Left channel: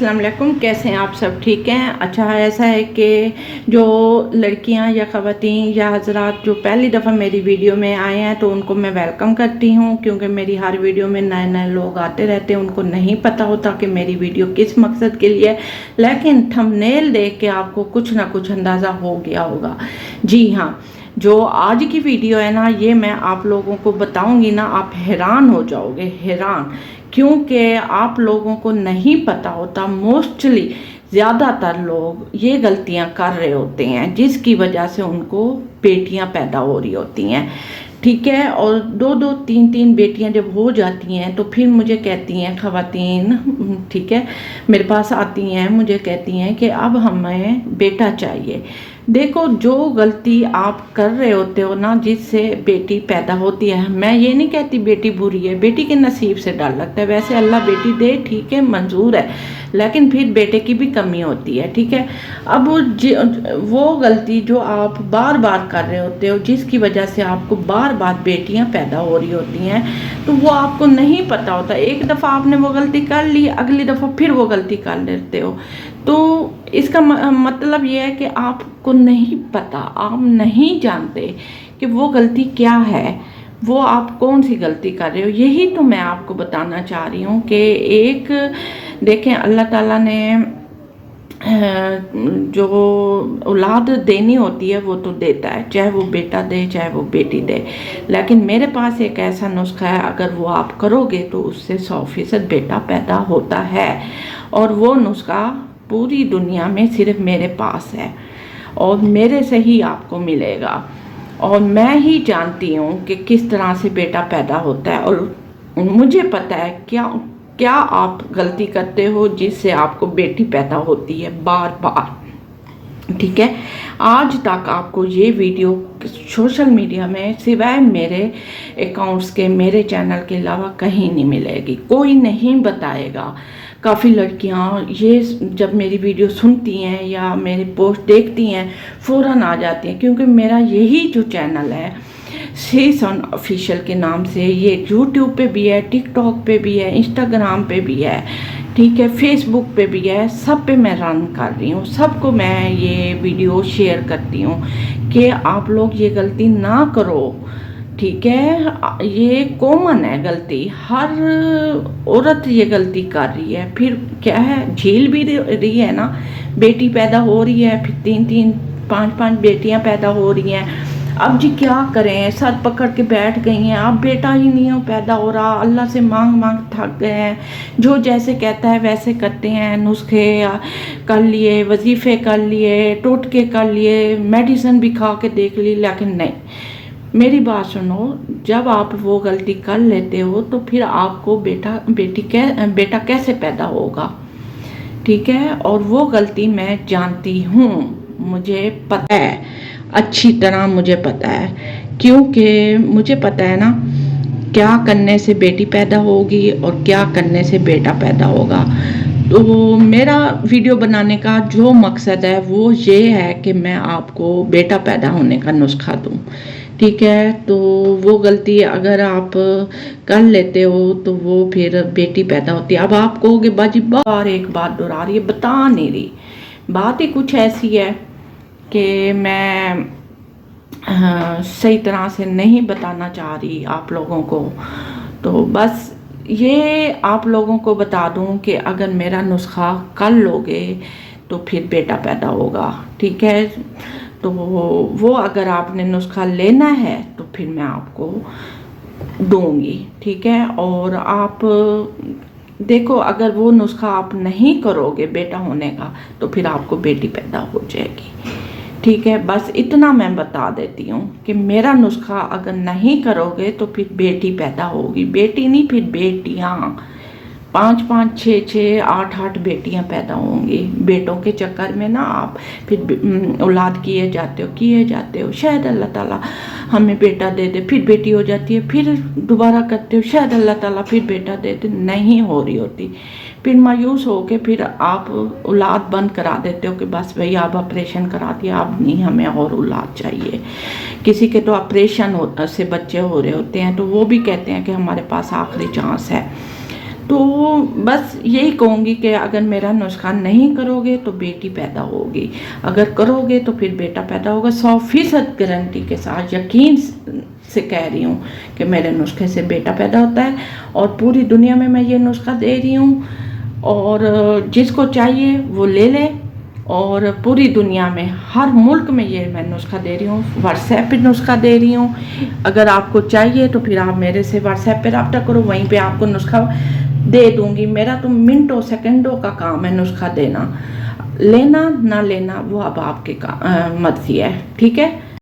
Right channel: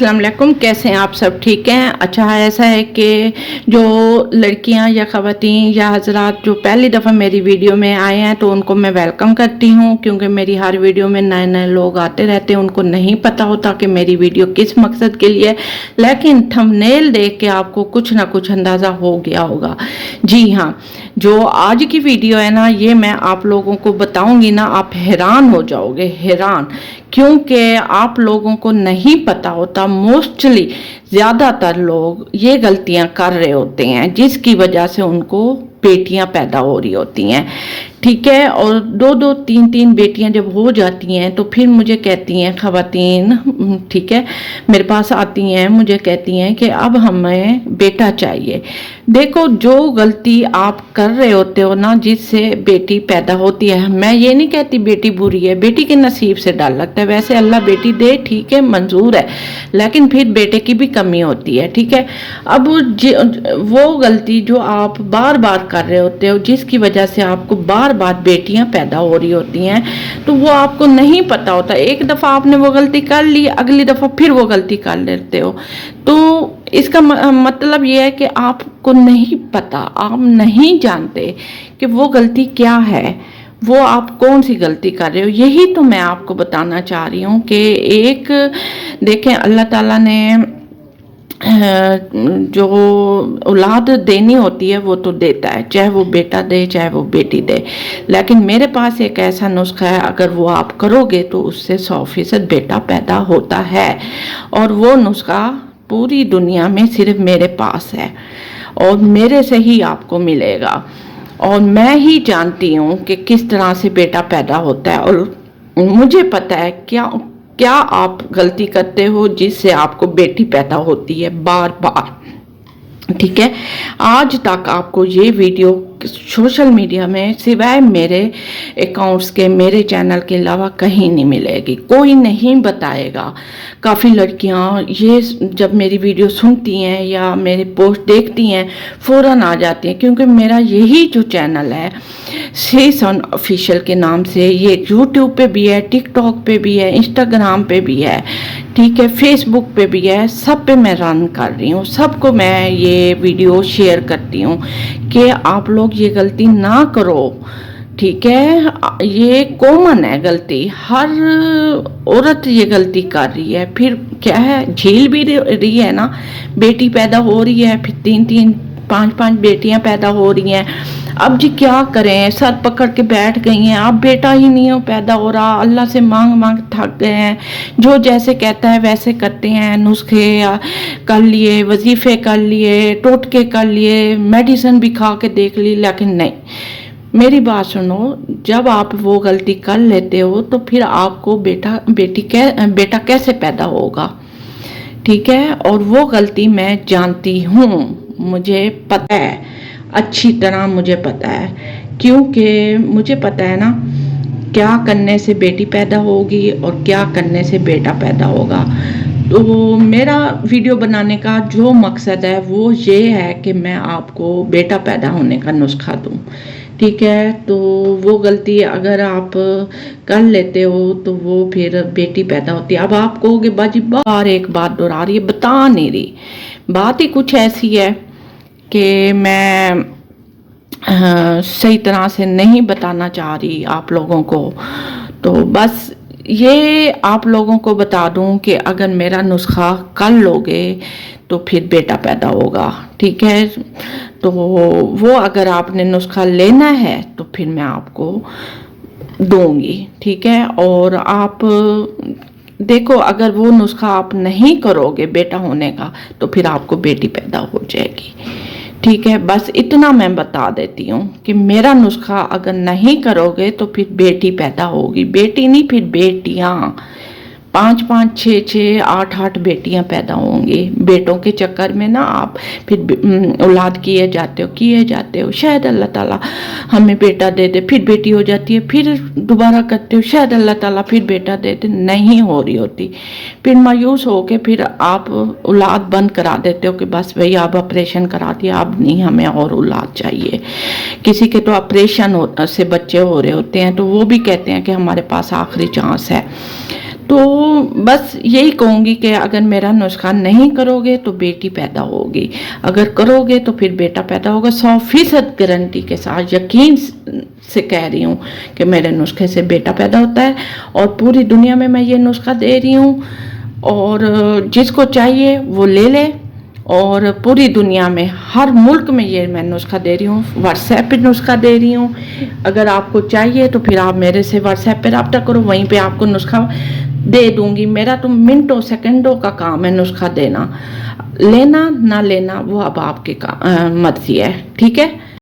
अस्सलाम वालेकुम। कैसे हैं आप सब? ठीक हैं? अच्छा, ऐसा है कि जो लड़कियां या ख़वातीन या हजरात जो पहली दफ़ा मेरी वीडियो में आए हैं तो उनको मैं वेलकम करती हूं, क्योंकि मेरी हर वीडियो में नए नए लोग आते रहते हैं। उनको नहीं पता होता कि मेरी वीडियो किस मकसद के लिए है, लेकिन थंबनेल देख के आपको कुछ ना कुछ अंदाज़ा हो गया होगा। जी हाँ, जो आज की वीडियो है ना, ये मैं आप लोगों को बताऊंगी ना, आप हैरान हो जाओगे, हैरान। क्योंकि आप लोगों को नहीं पता होता, मोस्टली ज़्यादातर लोग ये गलतियां कर रहे होते हैं जिसकी वजह से उनको बेटियां पैदा हो रही होती हैं। ठीक है, और दो दो तीन तीन बेटियां जब हो जाती हैं तो फिर मुझे कहती हैं ख़वातीन, ठीक है, मेरे पास आती हैं, मुझे कहती हैं कि अब हमें बेटा चाहिए। देखो, जो गलती आप कर रहे होते हो ना, जिससे बेटी पैदा होती है, मैं ये नहीं कहती बेटी बुरी है, बेटी के नसीब से डर लगता है। वैसे अल्लाह बेटी दे, ठीक है, मंजूर है, लेकिन फिर बेटे की भी कमी होती है। ठीक है, अब वो गलती जो आप बार बार कर रहे होते हो, जिसकी वजह से आपको बार बार बेटियां पैदा हो रही होती हैं, तो वो आपको नहीं पता होता। एक दफ़ा आपने वो गलती कर ली, अगली दफ़ा फिर वो गलती कर लेते हो। तो इसका मतलब ये है कि आपको नहीं पता, आप नहीं जानते कि वो गलती क्या है, वो आप कौन सी गलती कर रहे हो। यही तो मैं आपको बताना चाह रही हूँ कि एक देखें, अल्लाह ताला ने जो औलाद देनी होती है वो तो देता है, चाहे वो बेटा दे चाहे वो बेटी दे। लेकिन मेरे पास एक ऐसा नुस्खा है, अगर वो आप करोगे तो उससे 100% बेटा पैदा होता है। और वो नुस्खा पूरी दुनिया में सिर्फ मेरे पास है और मेरे से ही आपको मिलेगा, और मैं ही जानती हूँ कि किस तरह से बेटा पैदा होता है। और मुझे पता है क्या आप गलती करते हो जिससे आपको बेटी पैदा होती है बार बार। ठीक है, आज तक आपको ये वीडियो सोशल मीडिया में सिवाय मेरे अकाउंट्स के, मेरे चैनल के अलावा कहीं नहीं मिलेगी, कोई नहीं बताएगा। काफ़ी लड़कियां ये जब मेरी वीडियो सुनती हैं या मेरी पोस्ट देखती हैं फ़ौरन आ जाती हैं, क्योंकि मेरा यही जो चैनल है शीसन ऑफिशियल के नाम से, ये यूट्यूब पे भी है, टिकटॉक पे भी है, इंस्टाग्राम पे भी है, ठीक है, फेसबुक पे भी है, सब पे मैं रन कर रही हूँ, सबको मैं ये वीडियो शेयर करती हूँ कि आप लोग ये गलती ना करो। ठीक है, ये कॉमन है गलती, हर औरत ये गलती कर रही है। फिर क्या है, झेल भी रही है ना, बेटी पैदा हो रही है, फिर 3-3 5-5 बेटियां पैदा हो रही हैं। अब जी क्या करें, सर पकड़ के बैठ गई हैं, अब बेटा ही नहीं हो पैदा हो रहा, अल्लाह से मांग मांग थक गए हैं, जो जैसे कहता है वैसे करते हैं, नुस्खे कर लिए, वजीफे कर लिए, टोटके कर लिए, मेडिसिन भी खा के देख ली, लेकिन नहीं। मेरी बात सुनो, जब आप वो गलती कर लेते हो तो फिर आपको बेटा कैसे पैदा होगा? ठीक है, और वो गलती मैं जानती हूँ, मुझे पता है, अच्छी तरह मुझे पता है, क्योंकि मुझे पता है ना क्या करने से बेटी पैदा होगी और क्या करने से बेटा पैदा होगा। तो मेरा वीडियो बनाने का जो मकसद है वो ये है कि मैं आपको बेटा पैदा होने का नुस्खा दूँ। ठीक है, तो वो गलती अगर आप कर लेते हो तो वो फिर बेटी पैदा होती है। अब आप कहोगे बाजी बार एक बात दोहरा रही है, बता नहीं रही। बात ही कुछ ऐसी है कि मैं सही तरह से नहीं बताना चाह रही आप लोगों को। तो बस ये आप लोगों को बता दूं कि अगर मेरा नुस्खा कर लोगे तो फिर बेटा पैदा होगा। ठीक है, तो वो अगर आपने नुस्खा लेना है तो फिर मैं आपको दूंगी। ठीक है, और आप देखो, अगर वो नुस्खा आप नहीं करोगे बेटा होने का तो फिर आपको बेटी पैदा हो जाएगी। ठीक है, बस इतना मैं बता देती हूँ कि मेरा नुस्खा अगर नहीं करोगे तो फिर बेटी पैदा होगी, बेटी नहीं फिर बेटियाँ, 5-5 6-6 8-8 बेटियां पैदा होंगी। बेटों के चक्कर में ना आप फिर औलाद किए जाते हो, शायद अल्लाह ताला हमें बेटा दे दे, फिर बेटी हो जाती है, फिर दोबारा करते हो, शायद अल्लाह ताला फिर बेटा दे दे, नहीं हो रही होती, फिर मायूस हो के फिर आप औलाद बंद करा देते हो कि बस भाई आप ऑपरेशन करा दिया, अब नहीं हमें और औलाद चाहिए। किसी के तो ऑपरेशन से बच्चे हो रहे होते हैं तो वो भी कहते हैं कि हमारे पास आखिरी चांस है। تو بس یہی کہوں گی کہ اگر میرا نسخہ نہیں کرو گے تو بیٹی پیدا ہوگی، اگر کرو گے تو پھر بیٹا پیدا ہوگا، 100% گارنٹی کے ساتھ یقین سے کہہ رہی ہوں کہ میرے نسخے سے بیٹا پیدا ہوتا ہے، اور پوری دنیا میں یہ نسخہ دے رہی ہوں، اور جس کو چاہیے وہ لے لے، اور پوری دنیا میں ہر ملک میں یہ میں نسخہ دے رہی ہوں، واٹس ایپ پہ نسخہ دے رہی ہوں، اگر آپ کو چاہیے تو پھر آپ میرے سے واٹس ایپ پہ رابطہ کرو، وہیں پہ آپ کو نسخہ دے دوں گی، میرا تو منٹوں سیکنڈوں کا کام ہے نسخہ دینا، لینا نہ لینا وہ اب آپ کی مرضی ہے، ٹھیک ہے۔